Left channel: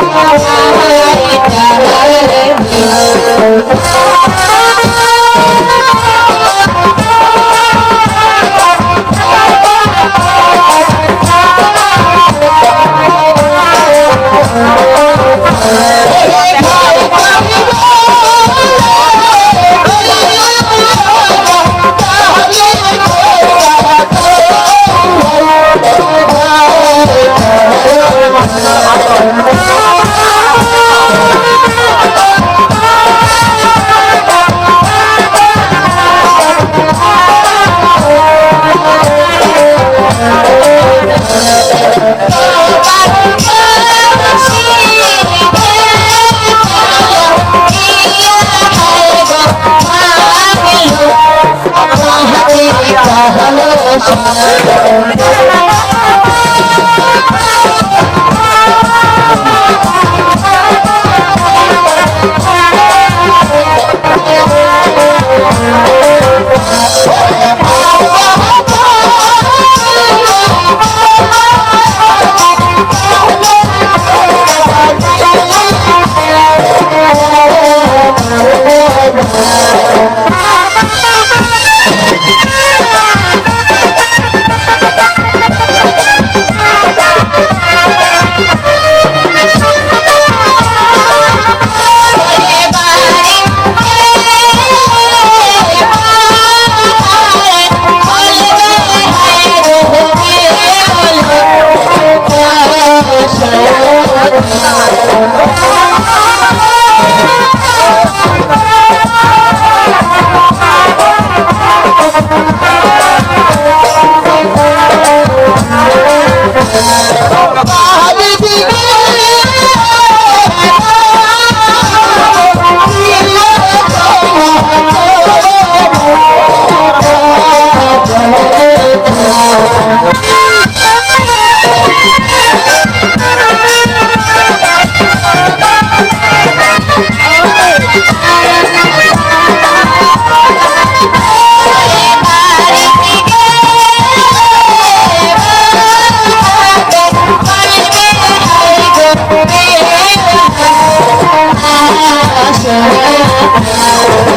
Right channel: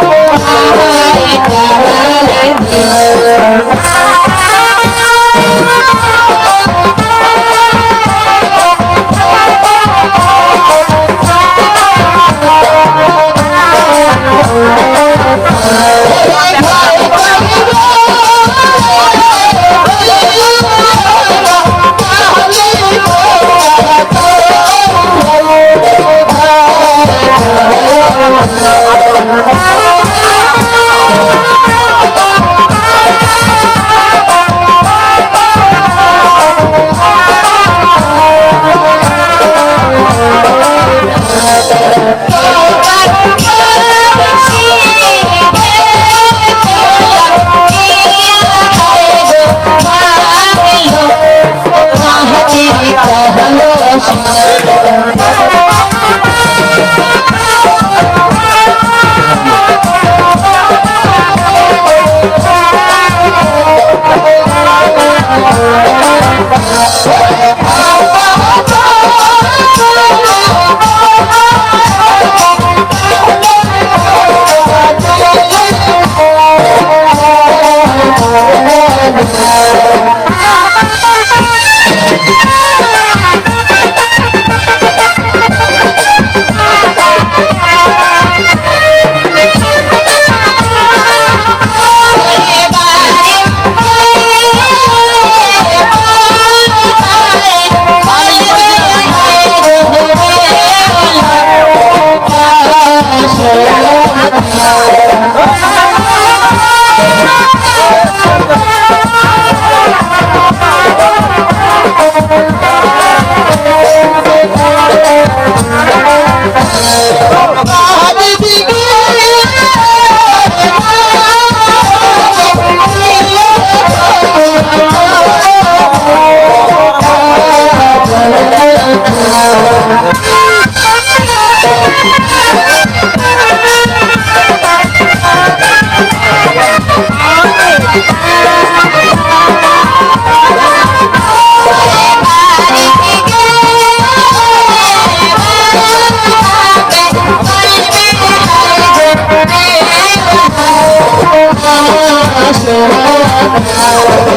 Thank you. Thank you.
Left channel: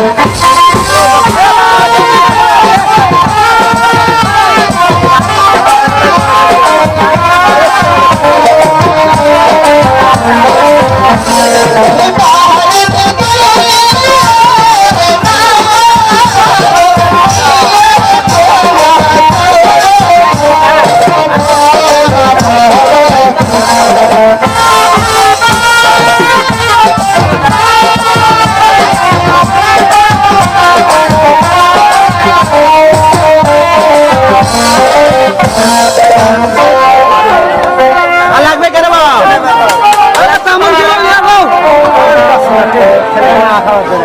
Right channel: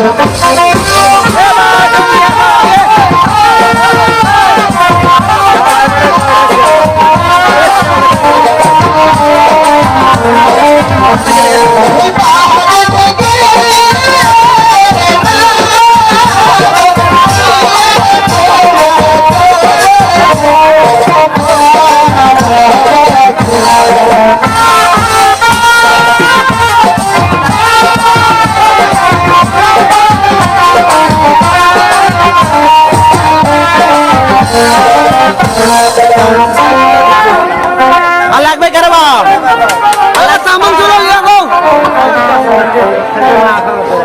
Oh, Obrigado.